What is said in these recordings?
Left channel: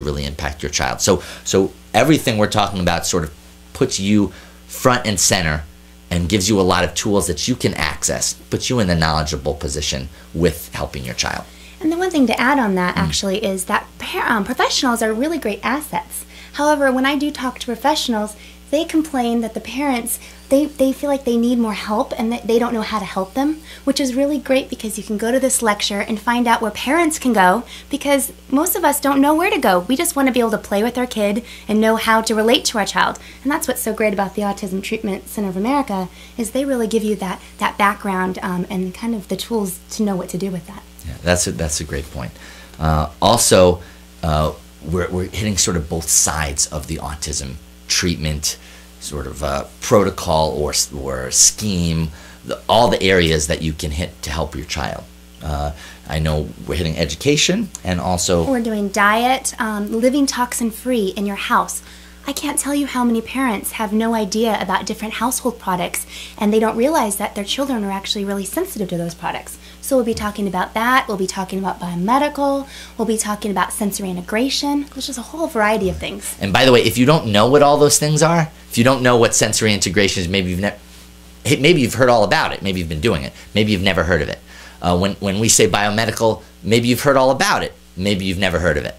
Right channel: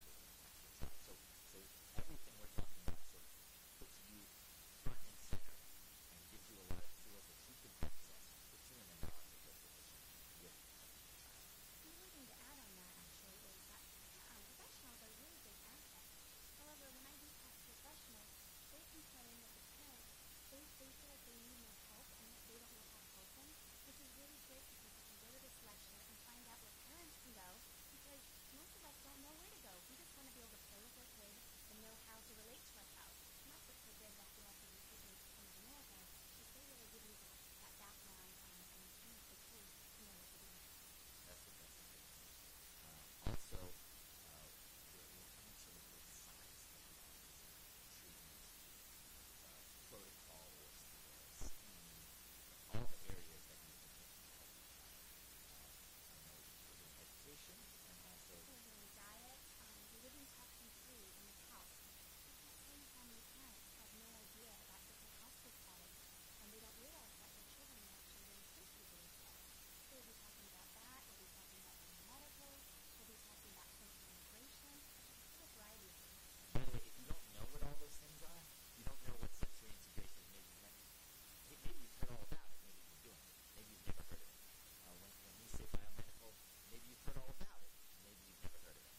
really impact your child. So everything we're talking about sort of puts you front and center and gives you a lot of tools that you can access, puts you in a knowledgeable position with helping your child. And the one thing to add on that actually is that professionals are really great assets. However, when I do talk to professionals, they complain that the parents, they feel like they need more help and that they don't know how to help them, which is really great because you can go to this lecture and find out where parents can go, because most of us don't know where to go. We just want to be able to play with our kid and know how to relate to our child. And that's what's so great about the Autism Treatment Center of America, is they really give you that background and kind of the tools to know what to do with that. Yeah, that's a great point. Also, we're hitting sort of both sides of the autism treatment sort of protocol or scheme, all the areas that you can hit to help your child. I know we're hitting education, and also we're doing diet, living toxin free in your house. I can't tell you how many parents have no idea about different household products, and they don't realize that their children are actually really sensitive to those products. So we'll be talking about that, we'll be talking about biomedical, we'll be talking about sensory integration. There's just a whole variety of things. And by the way, if you don't know what all those things are, if you don't know what sensory integration is, maybe you've heard all about it, maybe you've been doing it, maybe you've never heard of it. When we say biomedical, maybe you've heard all about it, maybe you've never heard of it.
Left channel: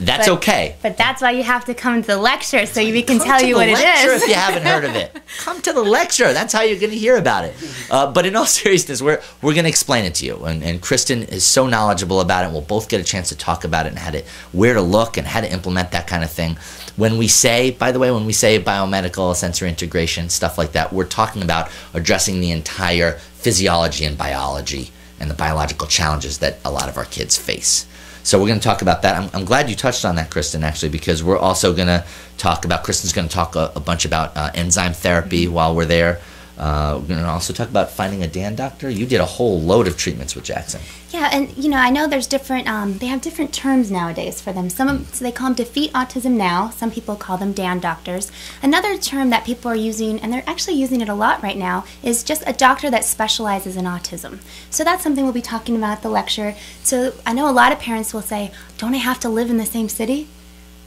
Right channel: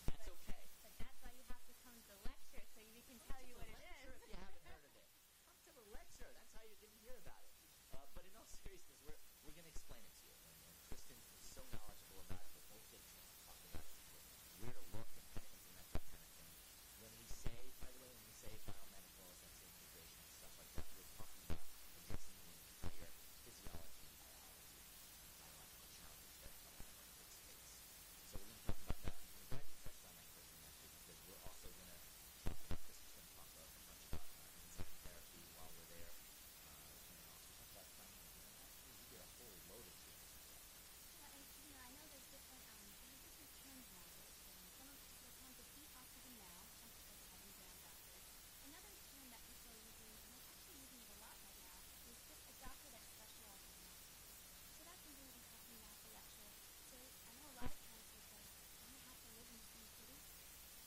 That's okay. But that's why you have to come to the lecture, so we can tell you what it is. If you haven't heard of it, come to the lecture. That's how you're going to hear about it. But in all seriousness, we're going to explain it to you. And Kristin is so knowledgeable about it. We'll both get a chance to talk about it and where to look and how to implement that kind of thing. When we say, by the way, when we say biomedical, sensory integration, stuff like that, we're talking about addressing the entire physiology and biology and the biological challenges that a lot of our kids face. So we're going to talk about that. I'm glad you touched on that, Kristin, actually, because we're also going to talk about, Kristin's going to talk a bunch about enzyme therapy while we're there. We're going to also talk about finding a DAN doctor. You did a whole load of treatments with Jackson. Yeah, and you know, I know there's different, they have different terms nowadays for them. So they call them Defeat Autism Now. Some people call them DAN doctors. Another term that people are using, and they're actually using it a lot right now, is just a doctor that specializes in autism. So that's something we'll be talking about at the lecture. So I know a lot of parents will say, don't I have to live in the same city?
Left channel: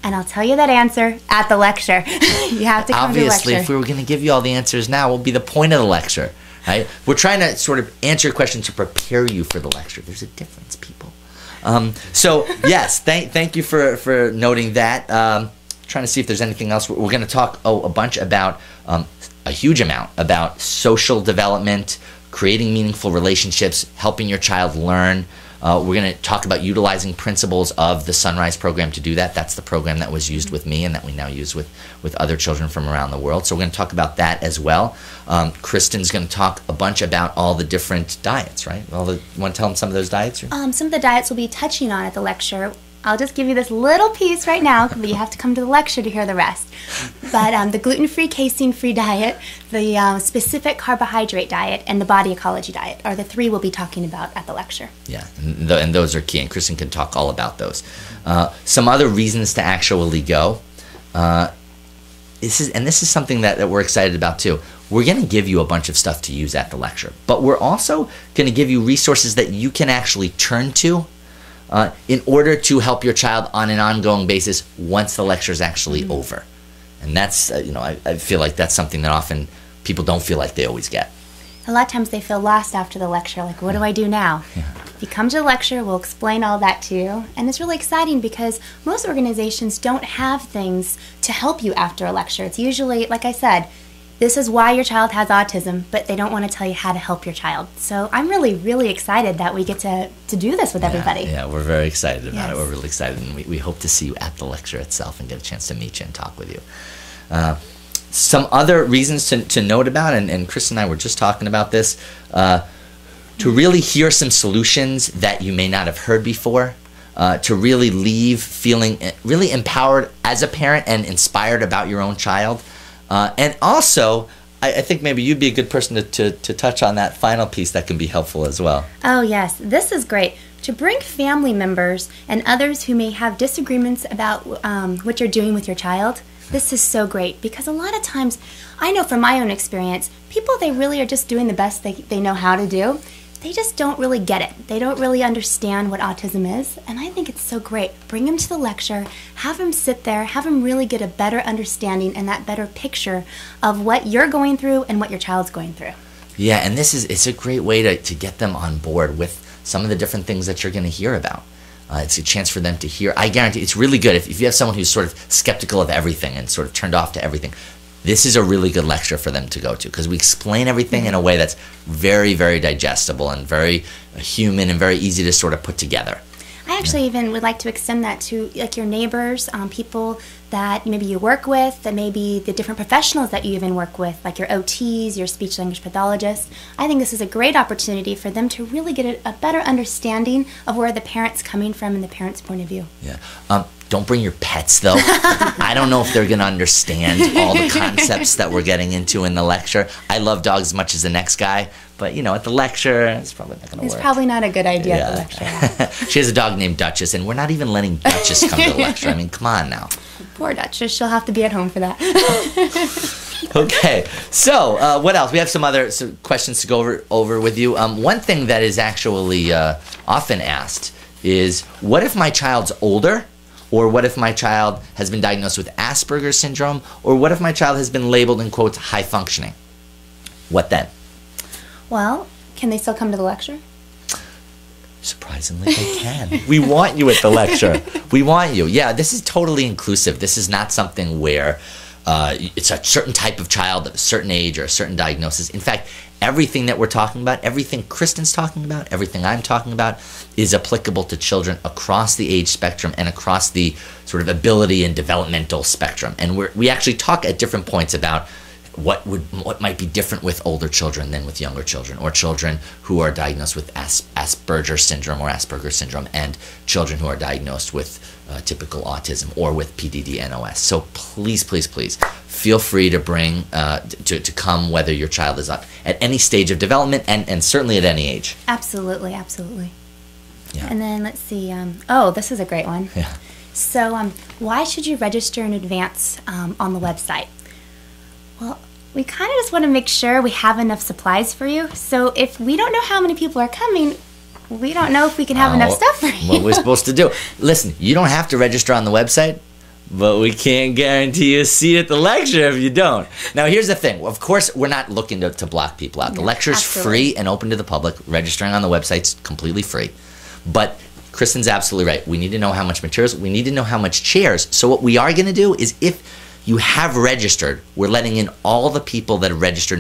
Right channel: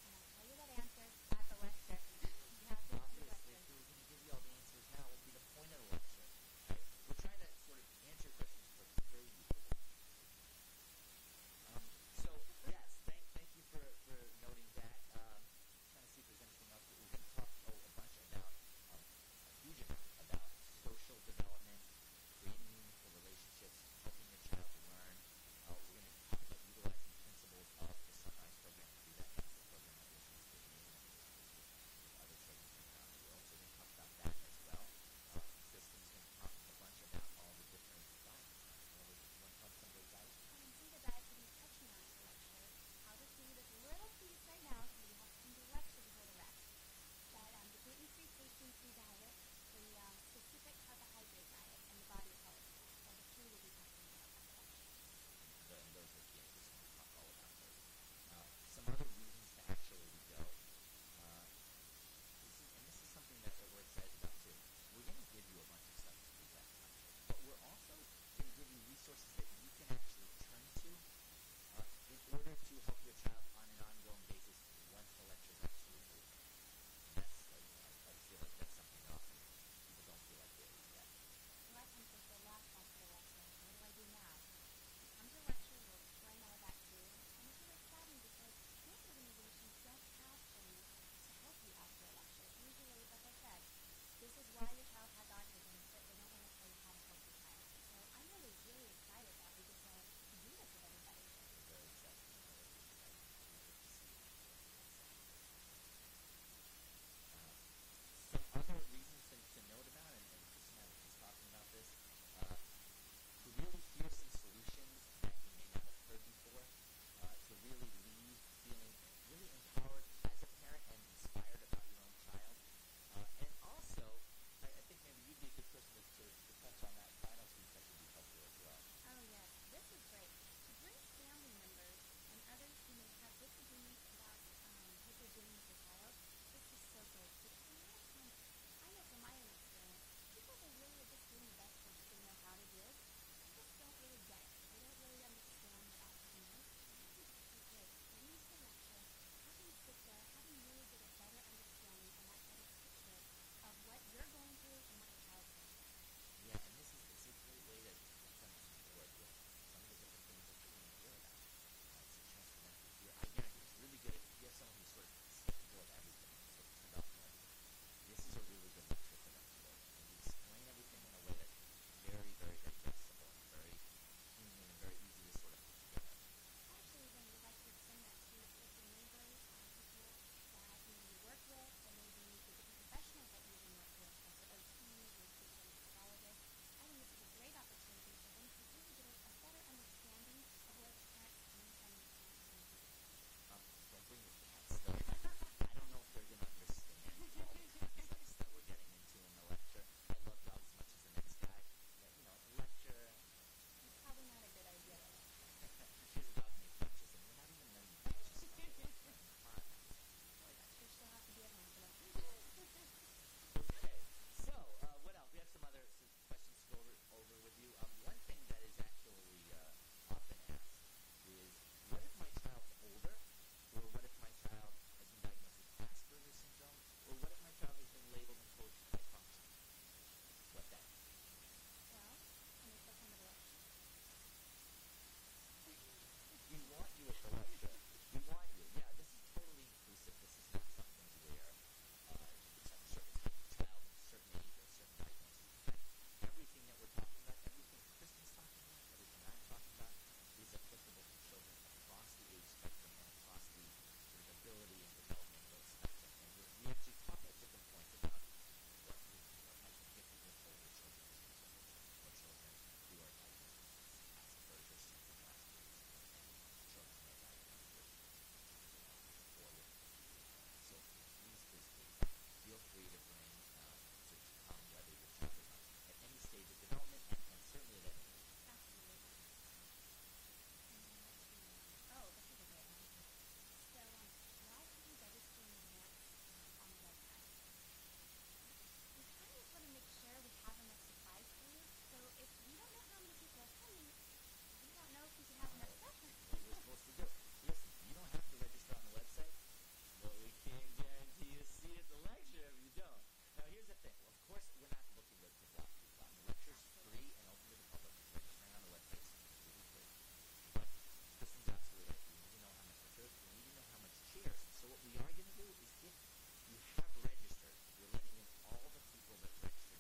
And I'll tell you that answer at the lecture. You have to come to the lecture. Obviously, if we were going to give you all the answers now, what would be the point of the lecture? Right? We're trying to sort of answer your question to prepare you for the lecture. There's a difference, people. So, yes, thank you for noting that. Trying to see if there's anything else. We're going to talk a bunch about, a huge amount, about social development, creating meaningful relationships, helping your child learn. We're going to talk about utilizing principles of the Sunrise program to do that. That's the program that was used with me and that we now use with other children from around the world. So we're going to talk about that as well. Kristin's going to talk a bunch about all the different diets, right? You want to tell them some of those diets? Some of the diets we'll be touching on at the lecture. I'll just give you this little piece right now, but you have to come to the lecture to hear the rest. But the gluten-free, casein-free diet, the specific carbohydrate diet, and the body ecology diet are the three we'll be talking about at the lecture. Yeah, and those are key, and Kristin can talk all about those. Some other reasons to actually go. This is something that we're excited about too. We're going to give you a bunch of stuff to use at the lecture, but we're also going to give you resources that you can actually turn to in order to help your child on an ongoing basis once the lecture is actually over. And that's, I feel like that's something that often people don't feel like they always get. A lot of times they feel lost after the lecture, like, what do I do now? Yeah. If you come to the lecture, we'll explain all that to you. And it's really exciting because most organizations don't have things to help you after a lecture. It's usually, like I said, this is why your child has autism, but they don't want to tell you how to help your child. So I'm really, really excited that we get to do this with everybody. Yeah, we're very excited about it. We're really excited, and we hope to see you at the lecture itself and get a chance to meet you and talk with you. Some other reasons to note about, and Kristin and I were just talking about this, to really hear some solutions that you may not have heard before, to really leave feeling really empowered as a parent and inspired about your own child. And also, I think maybe you'd be a good person to touch on that final piece that can be helpful as well. Oh, yes. This is great. To bring family members and others who may have disagreements about what you're doing with your child, this is so great because a lot of times, I know from my own experience, people, they really are just doing the best they know how to do. they just don't really get it. They don't really understand what autism is, and I think it's so great. Bring them to the lecture, have them sit there, have them really get a better understanding and that better picture of what you're going through and what your child's going through. Yeah, and it's a great way to get them on board with some of the different things that you're going to hear about. It's a chance for them to hear. I guarantee it's really good if you have someone who's sort of skeptical of everything and sort of turned off to everything. This is a really good lecture for them to go to because we explain everything in a way that's very, very digestible and very human and very easy to sort of put together. I actually even would like to extend that to like your neighbors, people that maybe you work with, that maybe the different professionals that you even work with, like your OTs, your speech language pathologists. I think this is a great opportunity for them to really get a better understanding of where the parent's coming from and the parent's point of view. Yeah. Don't bring your pets, though. I don't know if they're going to understand all the concepts that we're getting into in the lecture. I love dogs as much as the next guy, but, you know, at the lecture, it's probably not going to work. It's probably not a good idea at the lecture. She has a dog named Duchess, and we're not even letting Duchess come to the lecture. I mean, come on now. Poor Duchess. She'll have to be at home for that. Okay, so what else? We have some other questions to go over with you. One thing that is actually often asked is, what if my child's older? Or what if my child has been diagnosed with Asperger's syndrome? Or what if my child has been labeled, in quotes, high functioning? What then? Well, can they still come to the lecture? Surprisingly, they can. We want you at the lecture. We want you. Yeah, this is totally inclusive. This is not something where it's a certain type of child of a certain age or a certain diagnosis. In fact, everything that we're talking about, everything Kristin's talking about, everything I'm talking about is applicable to children across the age spectrum and across the sort of ability and developmental spectrum. And we actually talk at different points about what might be different with older children than with younger children, or children who are diagnosed with Asperger's syndrome or Asperger's syndrome, and children who are diagnosed with typical autism or with PDD-NOS. So please, please, please feel free to bring to come, whether your child is at any stage of development and certainly at any age. Absolutely, absolutely. Yeah. And then let's see. Oh, this is a great one. Yeah. So why should you register in advance on the website? Well, we kind of just want to make sure we have enough supplies for you. So if we don't know how many people are coming, we don't know if we can have enough stuff for you. What we're supposed to do. Listen, you don't have to register on the website, but we can't guarantee you a seat at the lecture if you don't. Now, here's the thing. Of course, we're not looking to block people out. The lecture's absolutely free and open to the public. Registering on the website's completely free. But Kristin's absolutely right. We need to know how much materials. We need to know how much chairs. So what we are going to do is, if you have registered, we're letting in all the people that have registered